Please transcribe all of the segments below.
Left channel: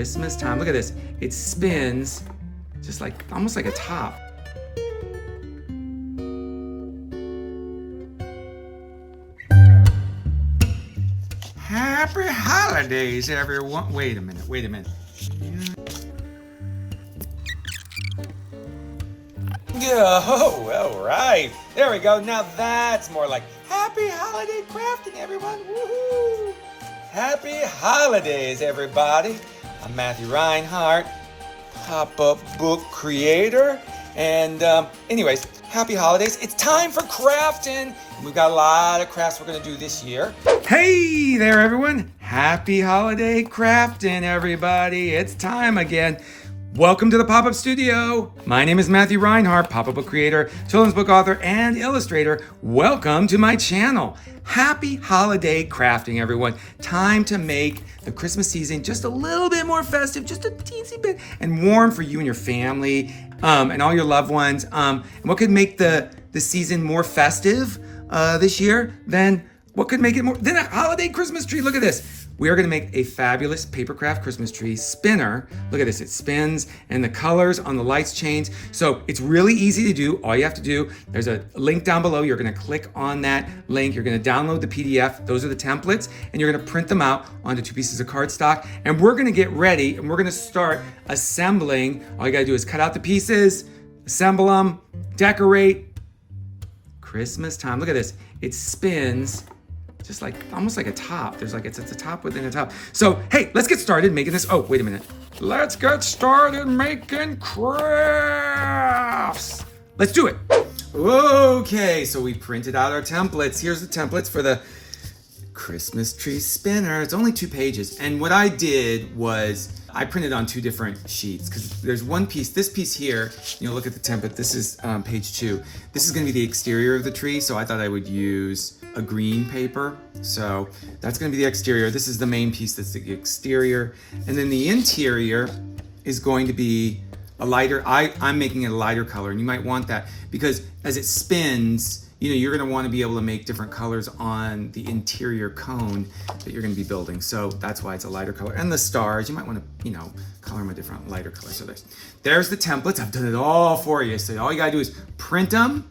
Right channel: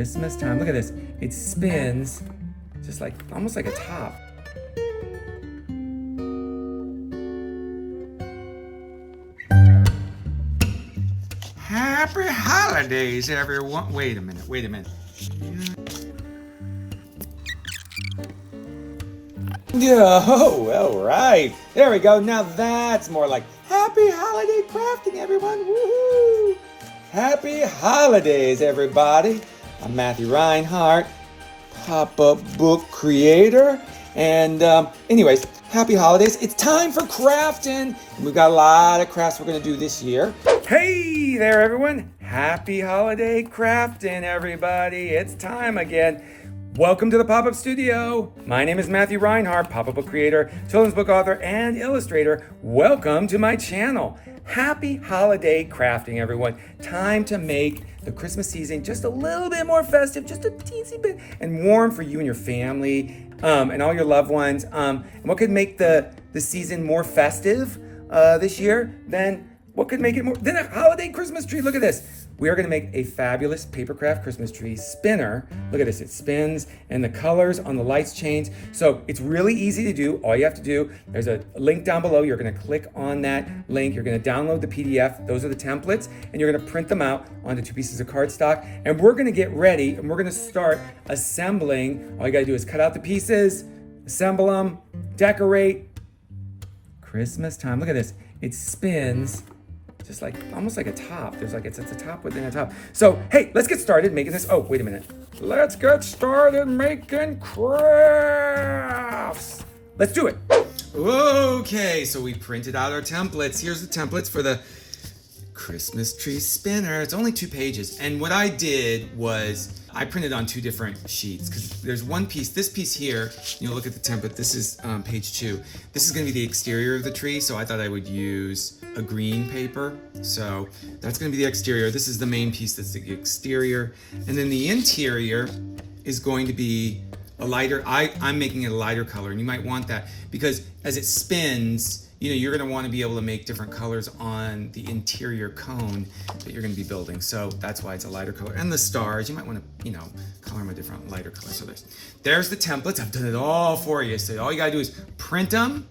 Christmas time. Look at this. It spins just like, almost like a top. Happy holidays, everyone. Wait a minute. Yeah, all right. There we go. Now that's more like happy holiday crafting, everyone. Woohoo! Happy holidays, everybody. I'm Matthew Reinhart, pop-up book creator. And anyways, happy holidays. It's time for crafting. We've got a lot of crafts we're going to do this year. Hey there, everyone. Happy holiday crafting, everybody. It's time again. Welcome to the Pop-Up Studio. My name is Matthew Reinhart, pop-up book creator, children's book author, and illustrator. Welcome to my channel. Happy holiday crafting, everyone. Time to make the Christmas season just a little bit more festive, just a teensy bit, and warm for you and your family and all your loved ones. And what could make the season more festive this year than what could make it more than a holiday Christmas tree? Look at this. We are going to make a fabulous papercraft Christmas tree spinner. Look at this, it spins and the colors on the lights change. So it's really easy to do. All you have to do, there's a link down below. You're going to click on that link. You're going to download the PDF. Those are the templates and you're going to print them out onto 2 pieces of cardstock. And we're going to get ready and we're going to start assembling. All you got to do is cut out the pieces, assemble them, decorate. Christmas time. Look at this. It spins just like almost like a top. It's a top within a top. So hey, let's get started making this. Oh, wait a minute. Let's get started making crafts. Let's do it. Okay, so we printed out our templates. Here's the templates for the Christmas tree spinner. It's only 2 pages. And what I did was I printed on 2 different sheets because there's one piece, this piece here, you'll look at the template. This is page 2. This is going to be the exterior of the tree. So I thought I would use a green paper. So that's going to be the exterior. This is the main piece, that's the exterior. And then the interior is going to be a lighter, I'm making it a lighter color, and you might want that because as it spins, you're going to want to be able to make different colors on the interior cone that you're going to be building. So that's why it's a lighter color. And the stars, you might want to, color them a different lighter color. So there's the templates. I've done it all for you. So all you got to do is print them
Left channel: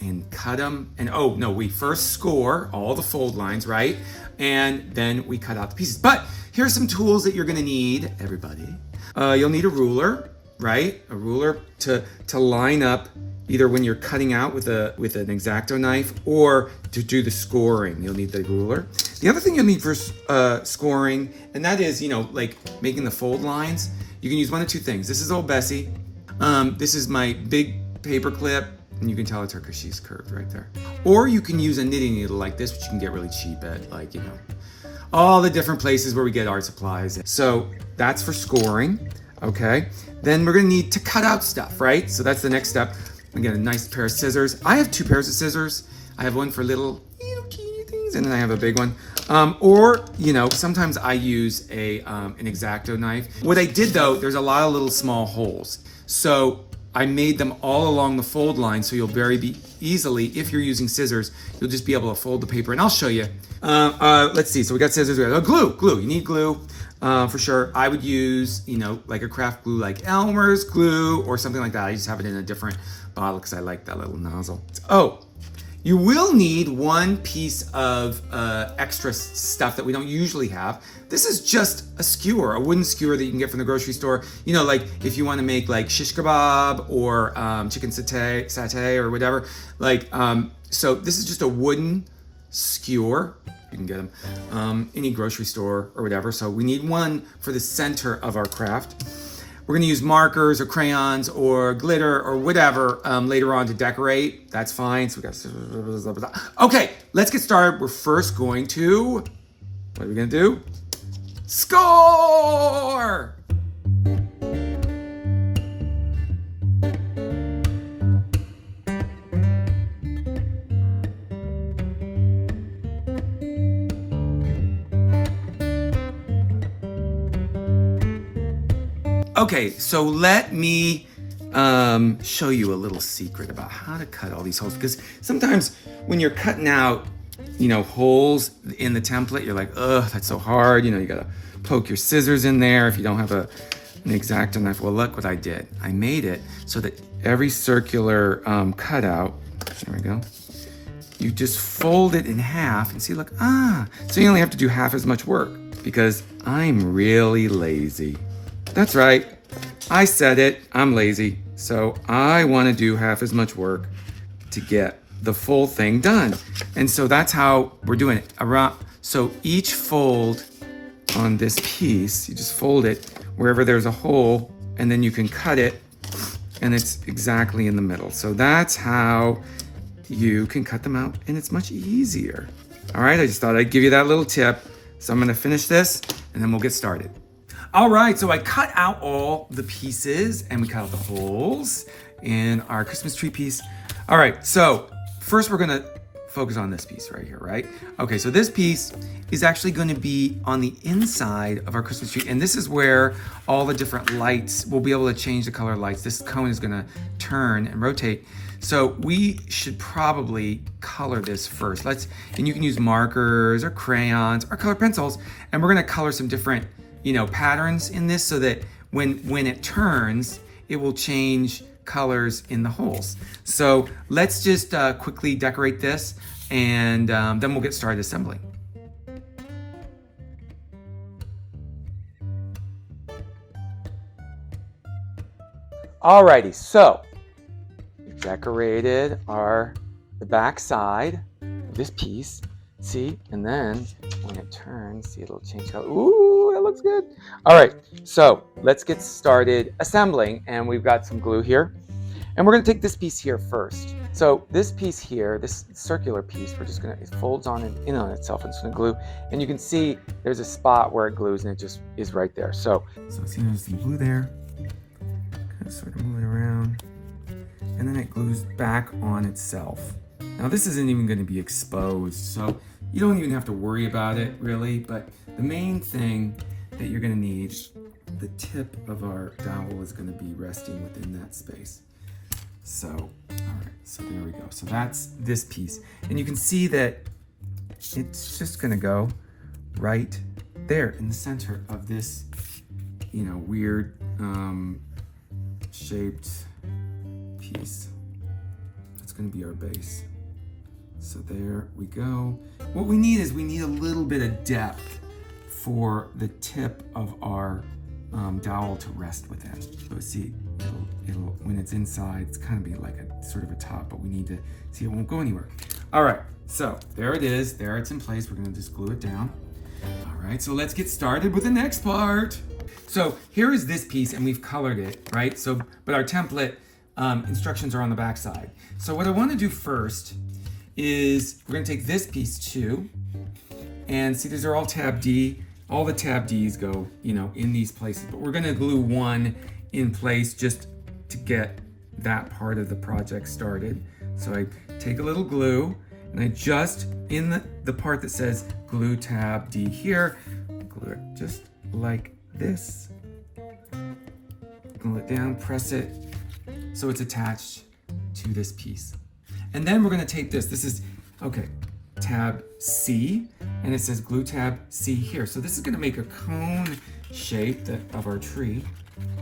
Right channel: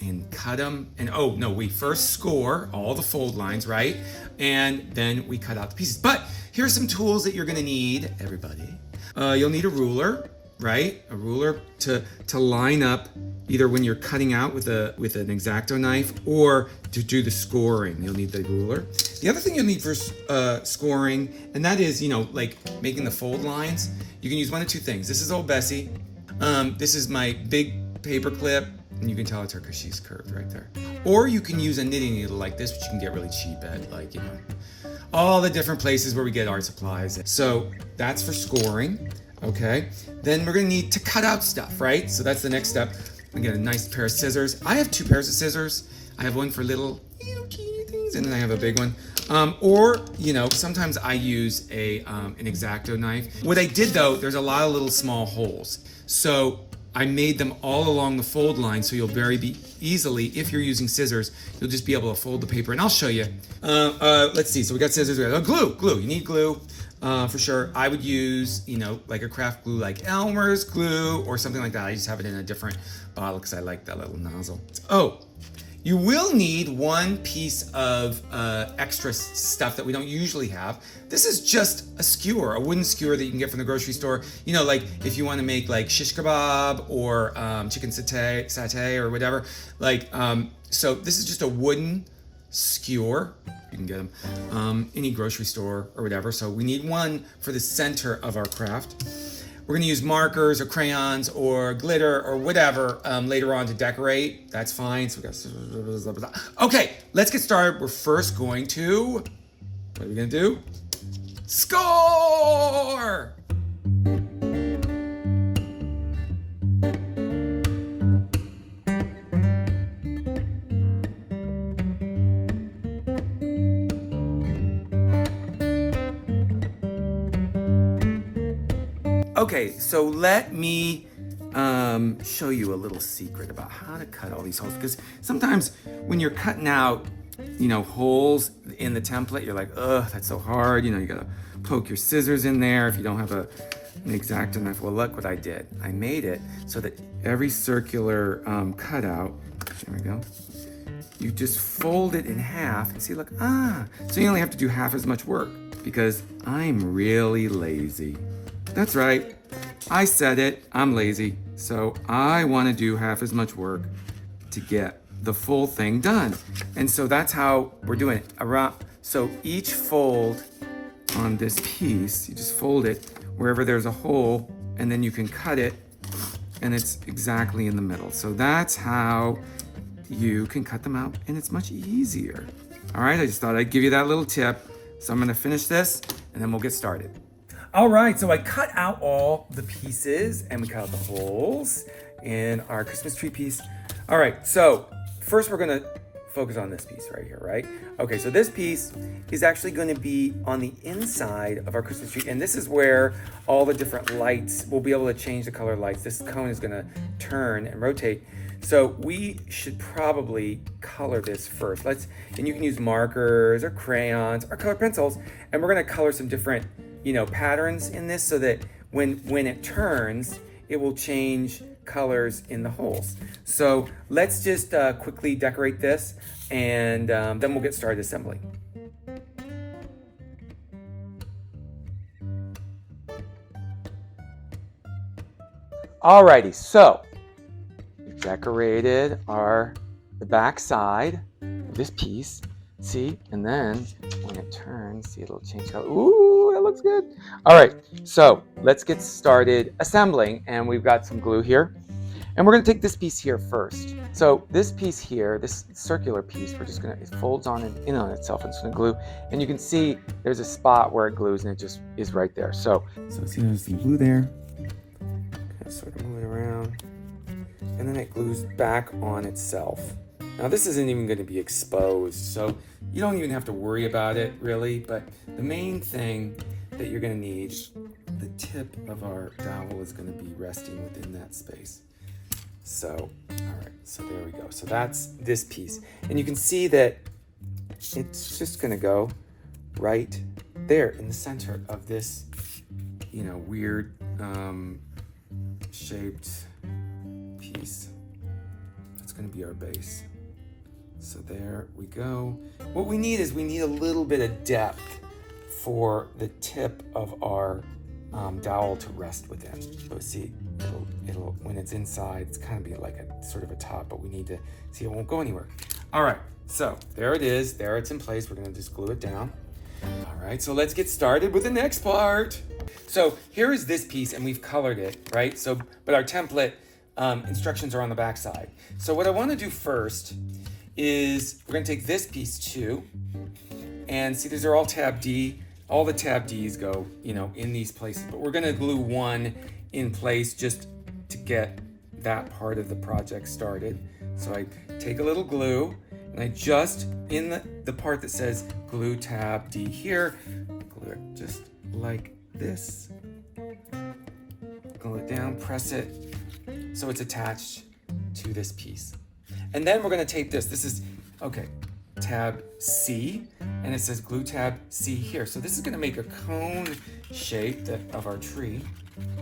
and cut them. And oh no, we first score all the fold lines, right? And then we cut out the pieces. But here's some tools that you're going to need, everybody. You'll need a ruler, right? A ruler to line up either when you're cutting out with an X-Acto knife or to do the scoring. You'll need the ruler. The other thing you'll need for scoring, and that is, like making the fold lines, you can use one of 2 things. This is old Bessie. This is my big paper clip, and you can tell it's her because she's curved right there. Or you can use a knitting needle like this, which you can get really cheap at, like, all the different places where we get art supplies. So that's for scoring, okay? Then we're gonna need to cut out stuff, right? So that's the next step. I get a nice pair of scissors. I have 2 pairs of scissors. I have one for little teeny things, and then I have a big one. Or sometimes I use an X-Acto knife. What I did though, there's a lot of little small holes. So I made them all along the fold line, so you'll very easily, if you're using scissors, you'll just be able to fold the paper. And I'll show you. Let's see. So we got scissors. We got glue. You need glue. For sure. I would use, like a craft glue like Elmer's glue or something like that. I just have it in a different bottle because I like that little nozzle. Oh, you will need 1 piece of extra stuff that we don't usually have. This is just a skewer, a wooden skewer that you can get from the grocery store. Like if you want to make like shish kebab or chicken satay or whatever. So this is just a wooden skewer. You can get them any grocery store or whatever. So we need 1 for the center of our craft. We're gonna use markers or crayons or glitter or whatever later on to decorate. That's fine. So we got, okay, let's get started. We're first going to, what are we gonna do? Score! Okay, so let me show you a little secret about how to cut all these holes, because sometimes when you're cutting out, holes in the template, you're like, ugh, that's so hard. You gotta poke your scissors in there if you don't have an X-Acto knife. Well, look what I did. I made it so that every circular cutout, there we go, you just fold it in half and see, look, so you only have to do half as much work because I'm really lazy. That's right, I said it, I'm lazy. So I want to do half as much work to get the full thing done. And so that's how we're doing it. So each fold on this piece, you just fold it wherever there's a hole, and then you can cut it, and it's exactly in the middle. So that's how you can cut them out, and it's much easier. All right, I just thought I'd give you that little tip. So I'm gonna finish this, and then we'll get started. All right, so I cut out all the pieces, and we cut out the holes in our Christmas tree piece. All right, so first we're gonna focus on this piece right here, right? Okay, so this piece is actually gonna be on the inside of our Christmas tree, and this is where all the different lights, we'll be able to change the color lights. This cone is gonna turn and rotate. So we should probably color this first. And you can use markers or crayons or color pencils, and we're gonna color some different, patterns in this so that when it turns, it will change colors in the holes. So let's just quickly decorate this, and then we'll get started assembling. Alrighty, so we've decorated the back side of this piece. See, and then when it turns, see, it'll change color. Ooh, that looks good. All right, so let's get started assembling, and we've got some glue here. And we're gonna take this piece here first. So this piece here, this circular piece, it folds on in on itself, and it's gonna glue. And you can see there's a spot where it glues, and it just is right there. So see, there's some glue there. Kind of sort of move it around. And then it glues back on itself. Now this isn't even gonna be exposed, so you don't even have to worry about it really, but the main thing that you're gonna need, the tip of our dowel is gonna be resting within that space. So, all right, so there we go. So that's this piece. And you can see that it's just gonna go right there in the center of this, weird shaped piece. That's gonna be our base. So there we go. What we need is a little bit of depth for the tip of our dowel to rest within. So see, it'll when it's inside, it's kind of be like a sort of a top, but we need to see it won't go anywhere. All right, so there it is. There it's in place. We're gonna just glue it down. All right, so let's get started with the next part. So here is this piece, and we've colored it, right? So, but our template instructions are on the back side. So what I want to do first is we're going to take this piece too, and see these are all tab D. All the tab Ds go, in these places, but we're going to glue one in place just to get that part of the project started. So I take a little glue, and I just, in the part that says glue tab D here, glue it just like this. Glue it down, press it so it's attached to this piece. And then we're gonna tape this. This is, tab C, and it says glue tab C here. So this is gonna make a cone shape of our tree.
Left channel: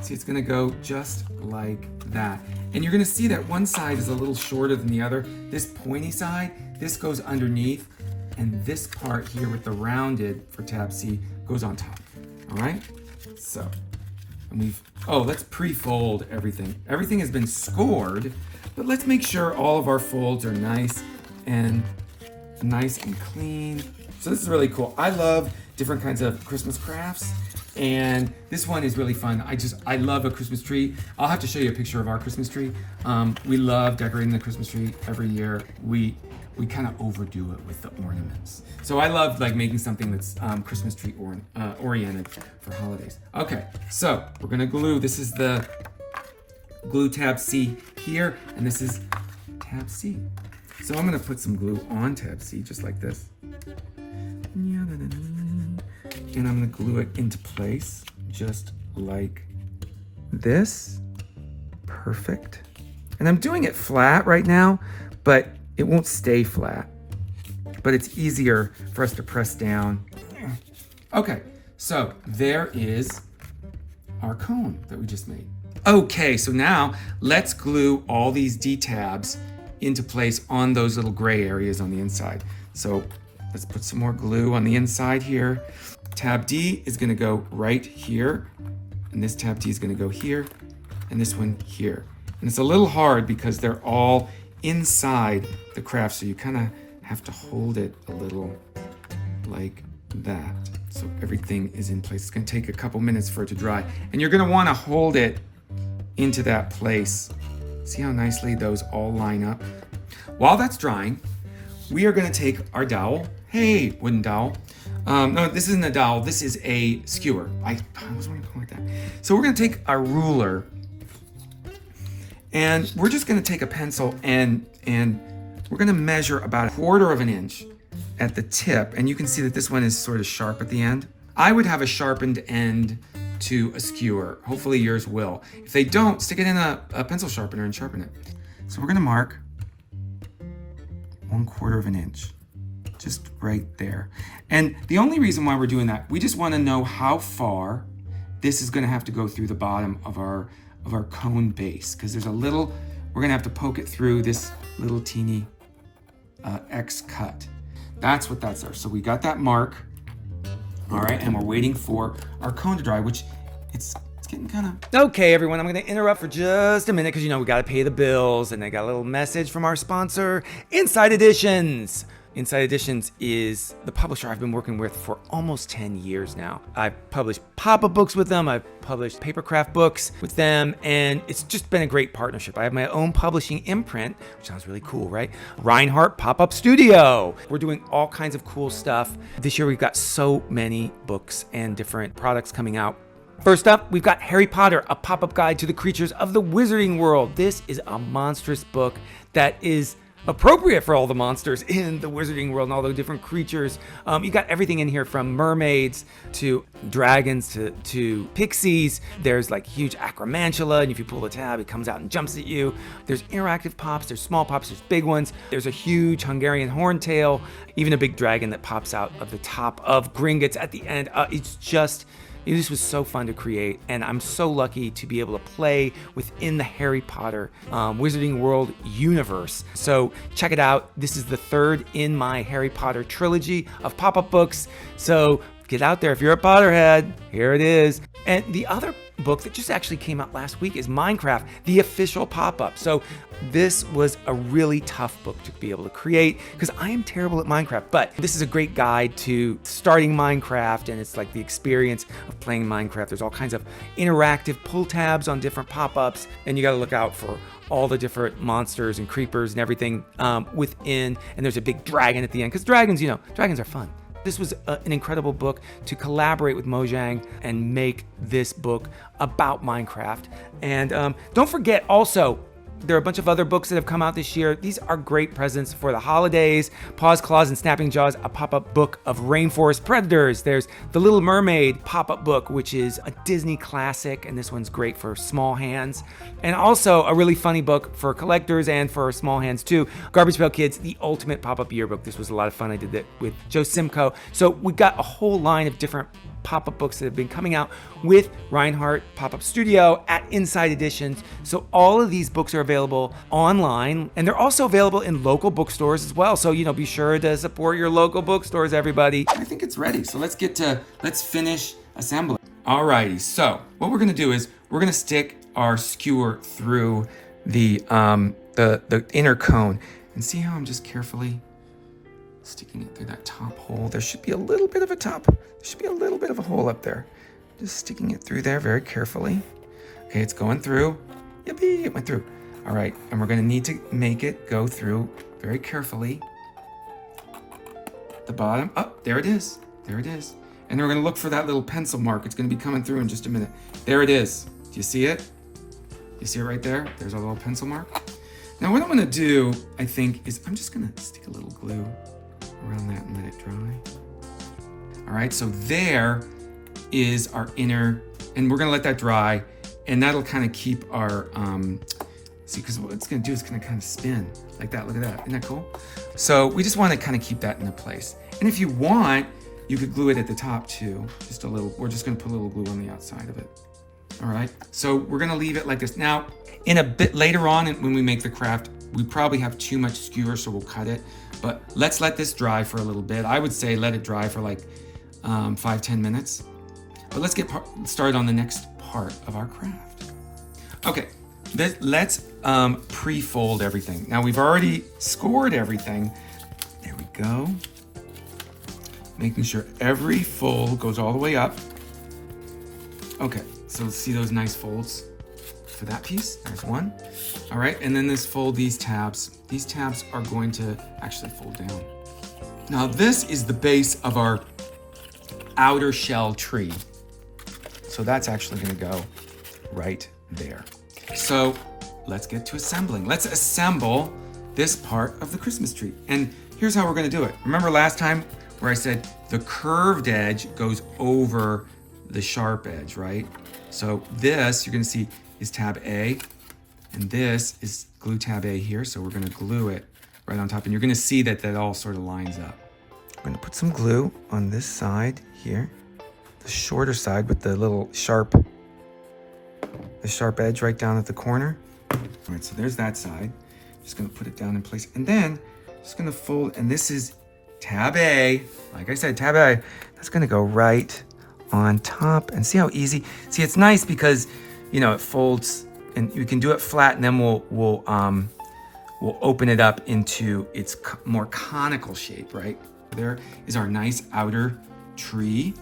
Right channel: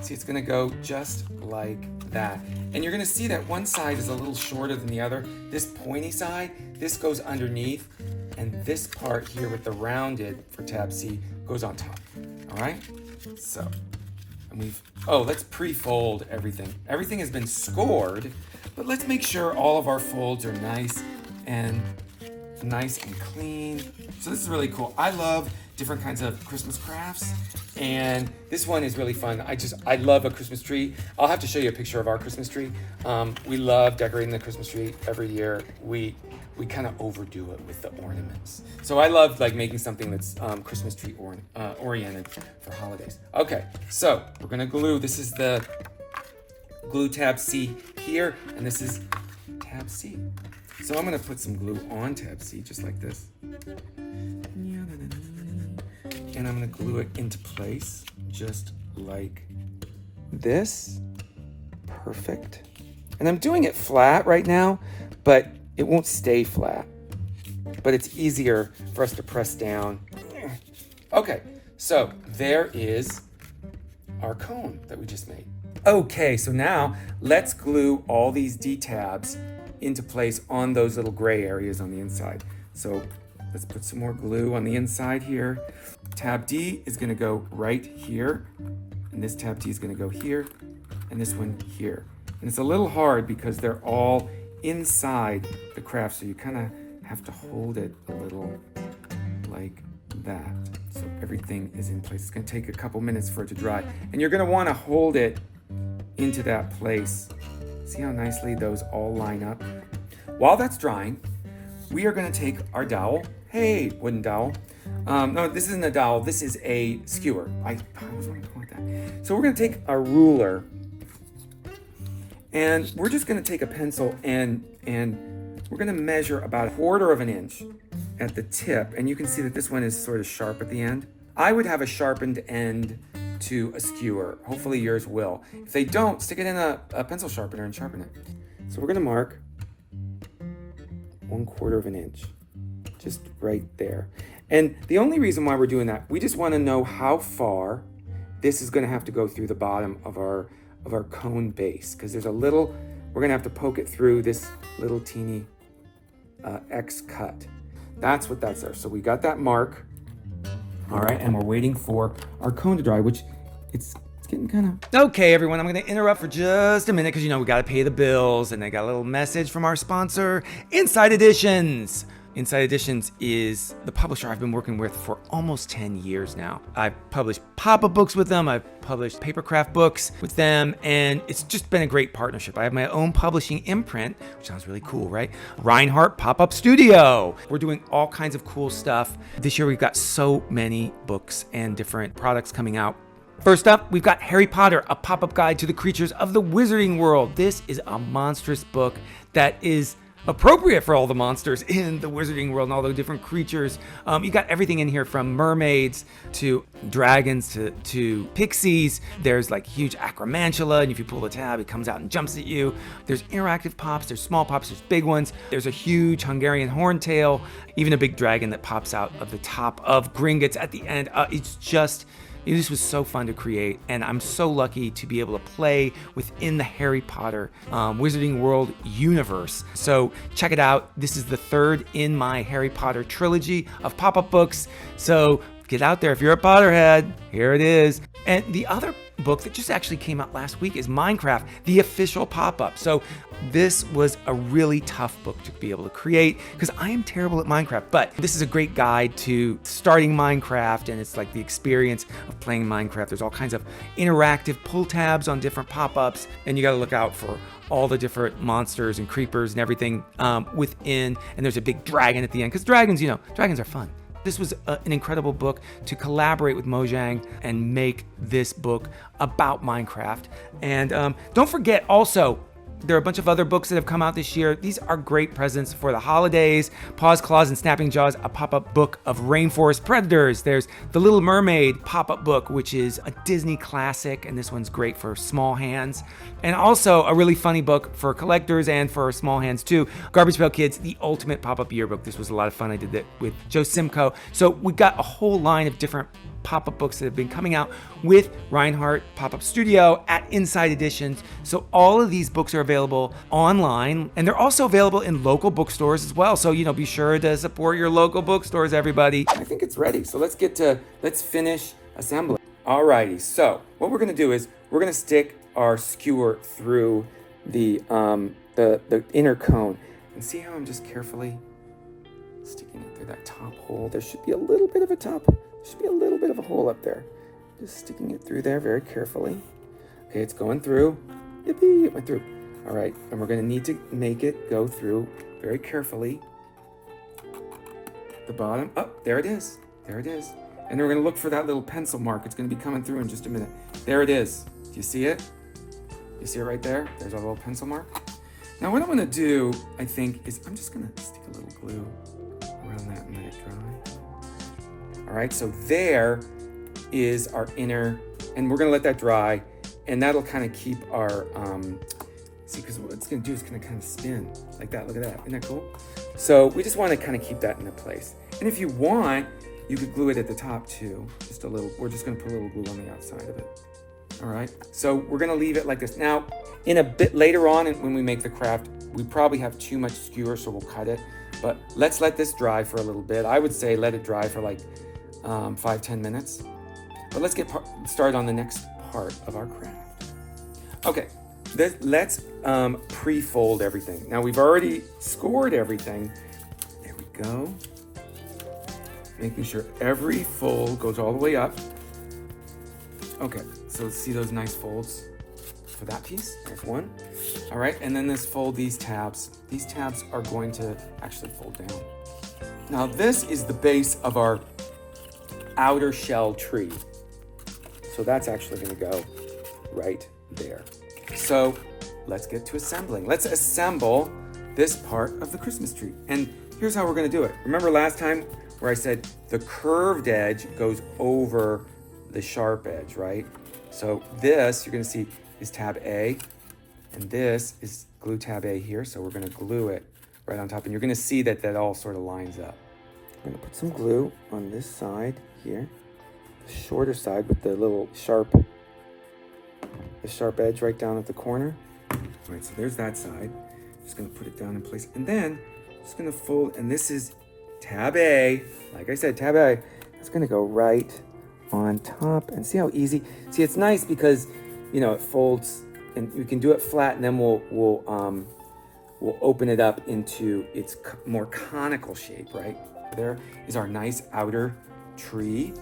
See, it's gonna go just like that. And you're gonna see that one side is a little shorter than the other. This pointy side, this goes underneath, and this part here with the rounded for tab C goes on top, all right? So, and let's pre-fold everything. Everything has been scored, but let's make sure all of our folds are nice and clean. So this is really cool. I love different kinds of Christmas crafts, and this one is really fun. I love a Christmas tree. I'll have to show you a picture of our Christmas tree. We love decorating the Christmas tree every year. We kind of overdo it with the ornaments. So I love making something that's Christmas tree oriented for holidays. Okay, so we're gonna glue. This is the glue tab C here, and this is tab C. So I'm gonna put some glue on tab C, just like this. And I'm gonna glue it into place, just like this. Perfect. And I'm doing it flat right now, but it won't stay flat. But it's easier for us to press down. Okay, So there is our cone that we just made. Okay, so now let's glue all these D-tabs into place on those little gray areas on the inside. So let's put some more glue on the inside here. Tab D is gonna go right here, and this tab D is gonna go here, and this one here. And it's a little hard because they're all inside the craft, so you kind of have to hold it a little like that. So everything is in place. It's gonna take a couple minutes for it to dry. And you're gonna wanna hold it into that place. See how nicely those all line up? While that's drying, we are gonna take our dowel. Hey, wooden dowel. No, this isn't a dowel, this is a skewer. I always want to call it that. So we're gonna take our ruler, and we're just gonna take a pencil and we're gonna measure about 1/4 of an inch at the tip. And you can see that this one is sort of sharp at the end. I would have a sharpened end to a skewer. Hopefully yours will. If they don't, stick it in a pencil sharpener and sharpen it. So we're gonna mark 1/4 of an inch, just right there. And the only reason why we're doing that, we just wanna know how far this is gonna have to go through the bottom of our cone base, because there's a little, we're gonna have to poke it through this little teeny X cut. That's what that's there. So we got that mark. All right, and we're waiting for our cone to dry, which it's getting kind of... Okay, everyone, I'm gonna interrupt for just a minute because, you know, we gotta pay the bills, and I got a little message from our sponsor, Inside Editions. Inside Editions is the publisher I've been working with for almost 10 years now. I've published pop-up books with them, I've published papercraft books with them, and it's just been a great partnership. I have my own publishing imprint, which sounds really cool, right? Reinhart Pop-Up Studio. We're doing all kinds of cool stuff. This year we've got so many books and different products coming out. First up, we've got Harry Potter, a pop-up guide to the creatures of the wizarding world. This is a monstrous book that is appropriate for all the monsters in the wizarding world and all the different creatures. You got everything in here from mermaids to dragons to pixies. There's like huge acromantula, and if you pull the tab, it comes out and jumps at you. There's interactive pops, there's small pops, there's big ones. There's a huge Hungarian horntail, even a big dragon that pops out of the top of Gringotts at the end. This was so fun to create, and I'm so lucky to be able to play within the Harry Potter Wizarding World universe. So check it out. This is the third in my Harry Potter trilogy of pop-up books. So get out there. If you're a Potterhead, here it is. And the other book that just actually came out last week is Minecraft, the official pop-up. So this was a really tough book to be able to create because I am terrible at Minecraft, but this is a great guide to starting Minecraft, and it's like the experience of playing Minecraft. There's all kinds of interactive pull tabs on different pop-ups, and you got to look out for all the different monsters and creepers and everything within, and there's a big dragon at the end because dragons are fun. This was an incredible book to collaborate with Mojang and make this book about Minecraft. And don't forget also, there are a bunch of other books that have come out this year. These are great presents for the holidays. Paws, Claws, and Snapping Jaws, a pop-up book of rainforest predators. There's the Little Mermaid pop-up book, which is a Disney classic, and this one's great for small hands. And also a really funny book for collectors and for small hands too. Garbage Pail Kids, the ultimate pop-up yearbook. This was a lot of fun. I did that with Joe Simcoe. So we got a whole line of different pop-up books that have been coming out with Reinhart Pop-Up Studio at Inside Editions. So all of these books are available online, and they're also available in local bookstores as well. So, be sure to support your local bookstores, everybody. I think it's ready. So let's finish assembling. Alrighty, so what we're gonna do is we're gonna stick our skewer through the inner cone. And see how I'm just carefully sticking it through that top hole. There should be a little bit of a hole up there. Just sticking it through there very carefully. Okay, it's going through. Yippee, it went through. All right, and we're gonna need to make it go through very carefully. The bottom, there it is. There it is. And we're gonna look for that little pencil mark. It's gonna be coming through in just a minute. There it is. Do you see it? You see it right there? There's our little pencil mark. Now what I wanna do, I think, is I'm just gonna stick a little glue around that and let it dry. All right, so there is our inner, and we're gonna let that dry, and that'll kind of keep our, see, because what it's gonna do is gonna kind of spin like that. Look at that, isn't that cool? So we just wanna kind of keep that in place. And if you want, You could glue it at the top too, just a little. We're just gonna put a little glue on the outside of it. All right, so we're gonna leave it like this. Now, in a bit later on when we make the craft, we probably have too much skewer, so we'll cut it. But let's let this dry for a little bit. I would say let it dry for like 5-10 minutes. But let's get started on the next part of our craft. Okay, let's pre-fold everything. Now we've already scored everything. There we go. Making sure every fold goes all the way up. Okay, so see those nice folds for that piece? There's one. All right, and then let's fold these tabs. These tabs are going to actually fold down. Now this is the base of our outer shell tree. So that's actually gonna go right there. So let's get to assembling. Let's assemble this part of the Christmas tree. And here's how we're gonna do it. Remember last time where I said the curved edge goes over the sharp edge, right? So this, you're gonna see, is tab A, and this is glue tab A here, so we're gonna glue it right on top, and you're gonna see that that all sort of lines up. I'm gonna put some glue on this side here, the shorter side with the little sharp edge right down at the corner. All right, so there's that side. Just gonna put it down in place, and then just gonna fold, and this is tab A. Like I said, tab A, that's gonna go right on top, and see how easy. See, it's nice because, you know, it folds, and you can do it flat, and then we'll open it up into its more conical shape, right? There is our nice outer tree.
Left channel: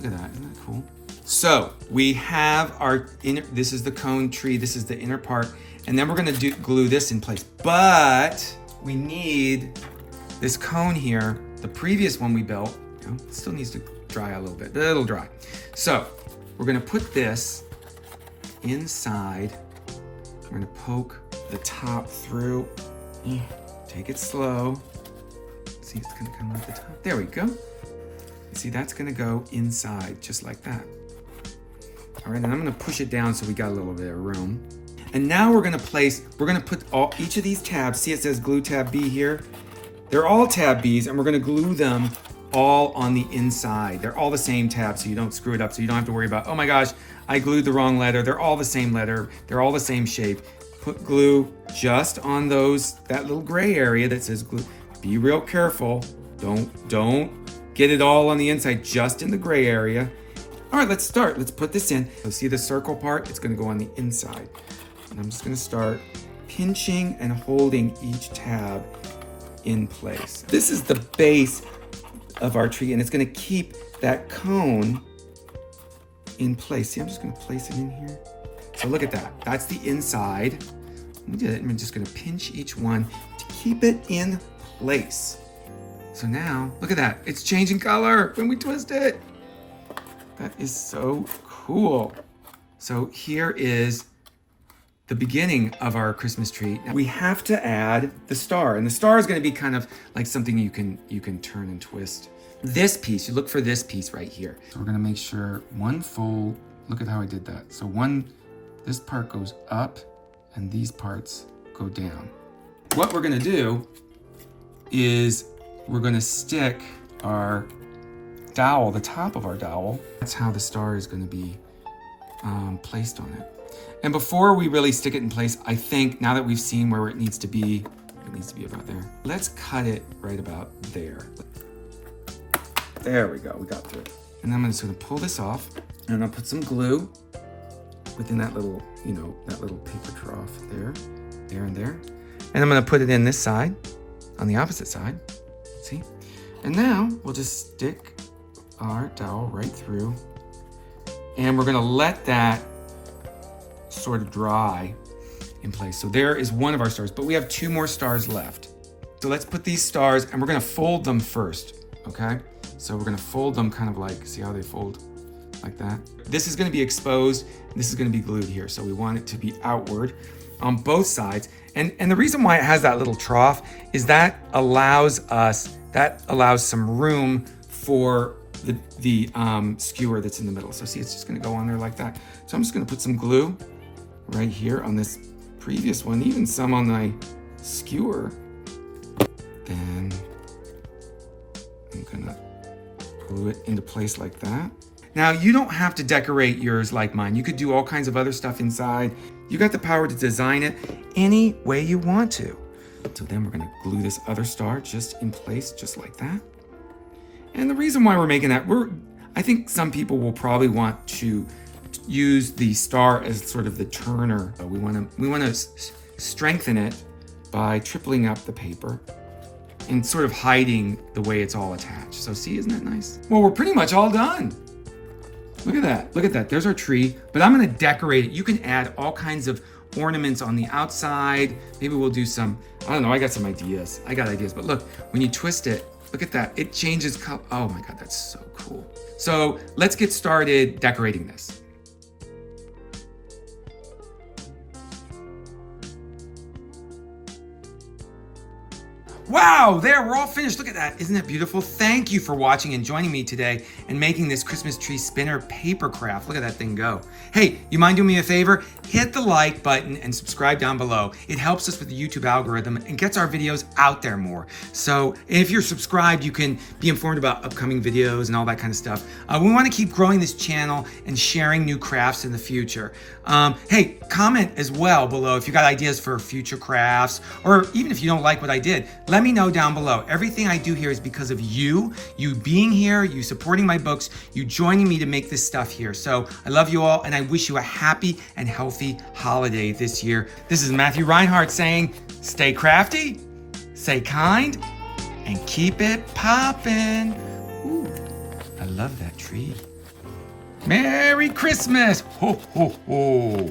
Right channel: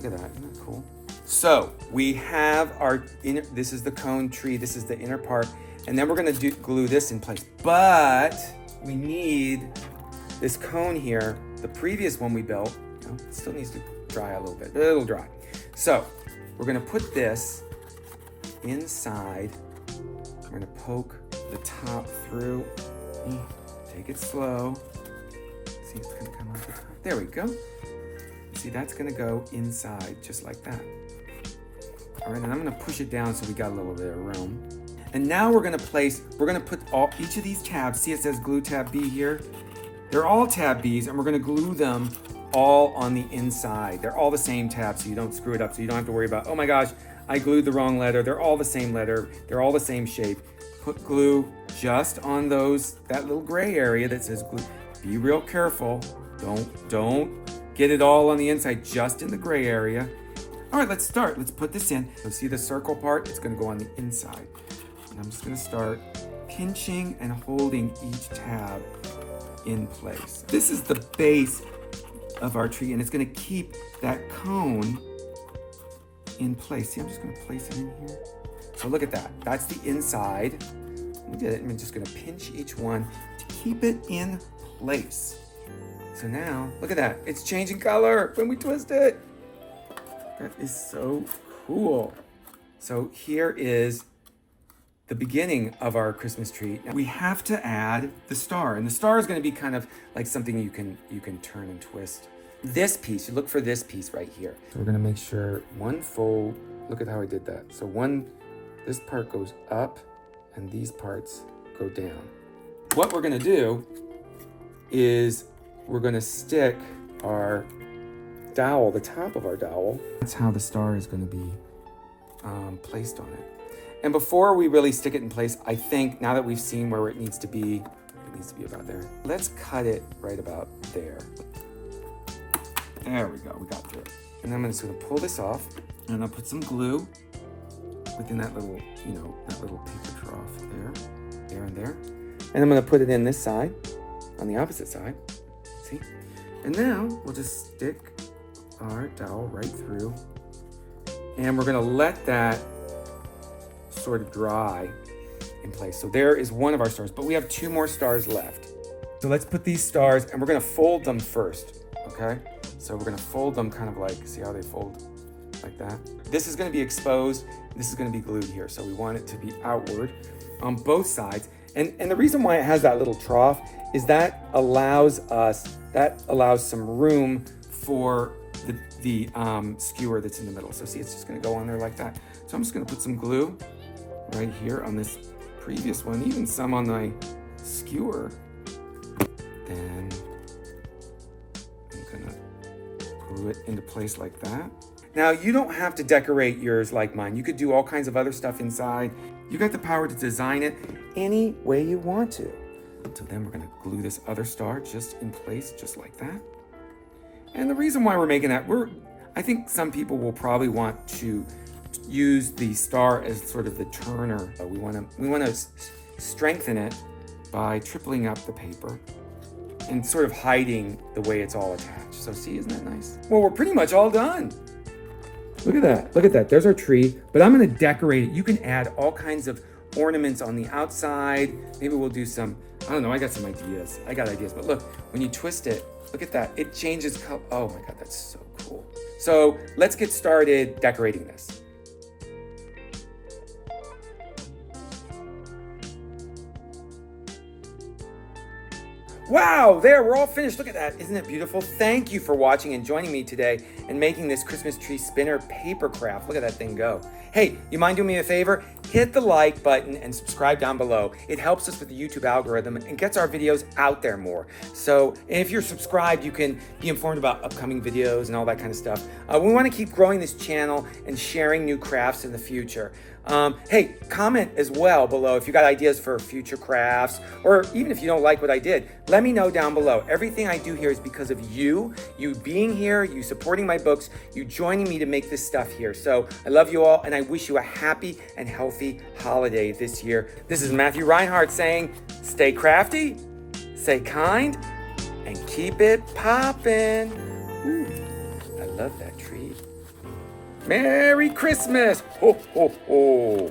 Look at that, isn't that cool? So we have our inner, this is the cone tree, this is the inner part, and then we're gonna glue this in place. But we need this cone here, the previous one we built, you know, it still needs to dry a little bit, but it'll dry. So we're gonna put this inside. We're gonna poke the top through. Take it slow. See, it's gonna come out the top. There we go. See, that's gonna go inside just like that. All right, and I'm gonna push it down so we got a little bit of room. And now we're gonna put each of these tabs. See, it says glue tab B here. They're all tab Bs, and we're gonna glue them all on the inside. They're all the same tab, so you don't screw it up, so you don't have to worry about, oh my gosh, I glued the wrong letter. They're all the same letter. They're all the same shape. Put glue just on that little gray area that says glue. Be real careful. Don't get it all on the inside, just in the gray area. All right, let's start. Let's put this in. So see the circle part? It's gonna go on the inside. And I'm just gonna start pinching and holding each tab in place. This is the base of our tree, and it's gonna keep that cone in place. See, I'm just gonna place it in here. So look at that. That's the inside. We did it, and we're just gonna pinch each one to keep it in place. So now, look at that. It's changing color when we twist it. That is so cool. So here is the beginning of our Christmas tree. Now we have to add the star, and the star is gonna be kind of like something you can turn and twist. This piece, you look for this piece right here. So we're gonna make sure one fold, look at how I did that. So this part goes up and these parts go down. What we're gonna do is we're gonna stick our dowel, the top of our dowel. That's how the star is gonna be placed on it. And before we really stick it in place, I think now that we've seen where it needs to be about there. Let's cut it right about there. There we go, we got through. And I'm just gonna pull this off, and I'll put some glue within that little, that little paper trough there and there. And I'm gonna put it in this side, on the opposite side, see? And now we'll just stick our dowel right through, and we're gonna let that sort of dry in place. So there is one of our stars, but we have 2 more stars left. So let's put these stars, and we're gonna fold them first, okay? So we're gonna fold them kind of like, see how they fold like that? This is gonna be exposed, this is gonna be glued here. So we want it to be outward on both sides. And the reason why it has that little trough is that allows some room for the skewer that's in the middle. So see, it's just gonna go on there like that. So I'm just gonna put some glue right here on this previous one, even some on my skewer. Then I'm gonna pull glue it into place like that. Now, you don't have to decorate yours like mine. You could do all kinds of other stuff inside. You got the power to design it any way you want to. So then we're gonna glue this other star just in place, just like that. And the reason why we're making that, I think some people will probably want to use the star as sort of the turner. We wanna strengthen it by tripling up the paper and sort of hiding the way it's all attached. So see, isn't that nice? Well, we're pretty much all done. Look at that, there's our tree, but I'm gonna decorate it. You can add all kinds of ornaments on the outside. Maybe we'll do some, I don't know, I got some ideas. But look, when you twist it, look at that, it changes color. Oh my God, that's so cool. So let's get started decorating this. Wow, there, we're all finished. Look at that. Isn't it beautiful? Thank you for watching and joining me today and making this Christmas tree spinner paper craft. Look at that thing go. Hey, you mind doing me a favor? Hit the like button and subscribe down below. It helps us with the YouTube algorithm and gets our videos out there more. So if you're subscribed, you can be informed about upcoming videos and all that kind of stuff. We want to keep growing this channel and sharing new crafts in the future. Hey, comment as well below if you got ideas for future crafts, or even if you don't like what I did, let me know down below. Everything I do here is because of you being here, you supporting my books, you joining me to make this stuff here. So I love you all, and I wish you a happy and healthy holiday this year. This is Matthew Reinhart saying, stay crafty, stay kind, and keep it poppin'. I love that tree. Merry Christmas! Ho, ho, ho.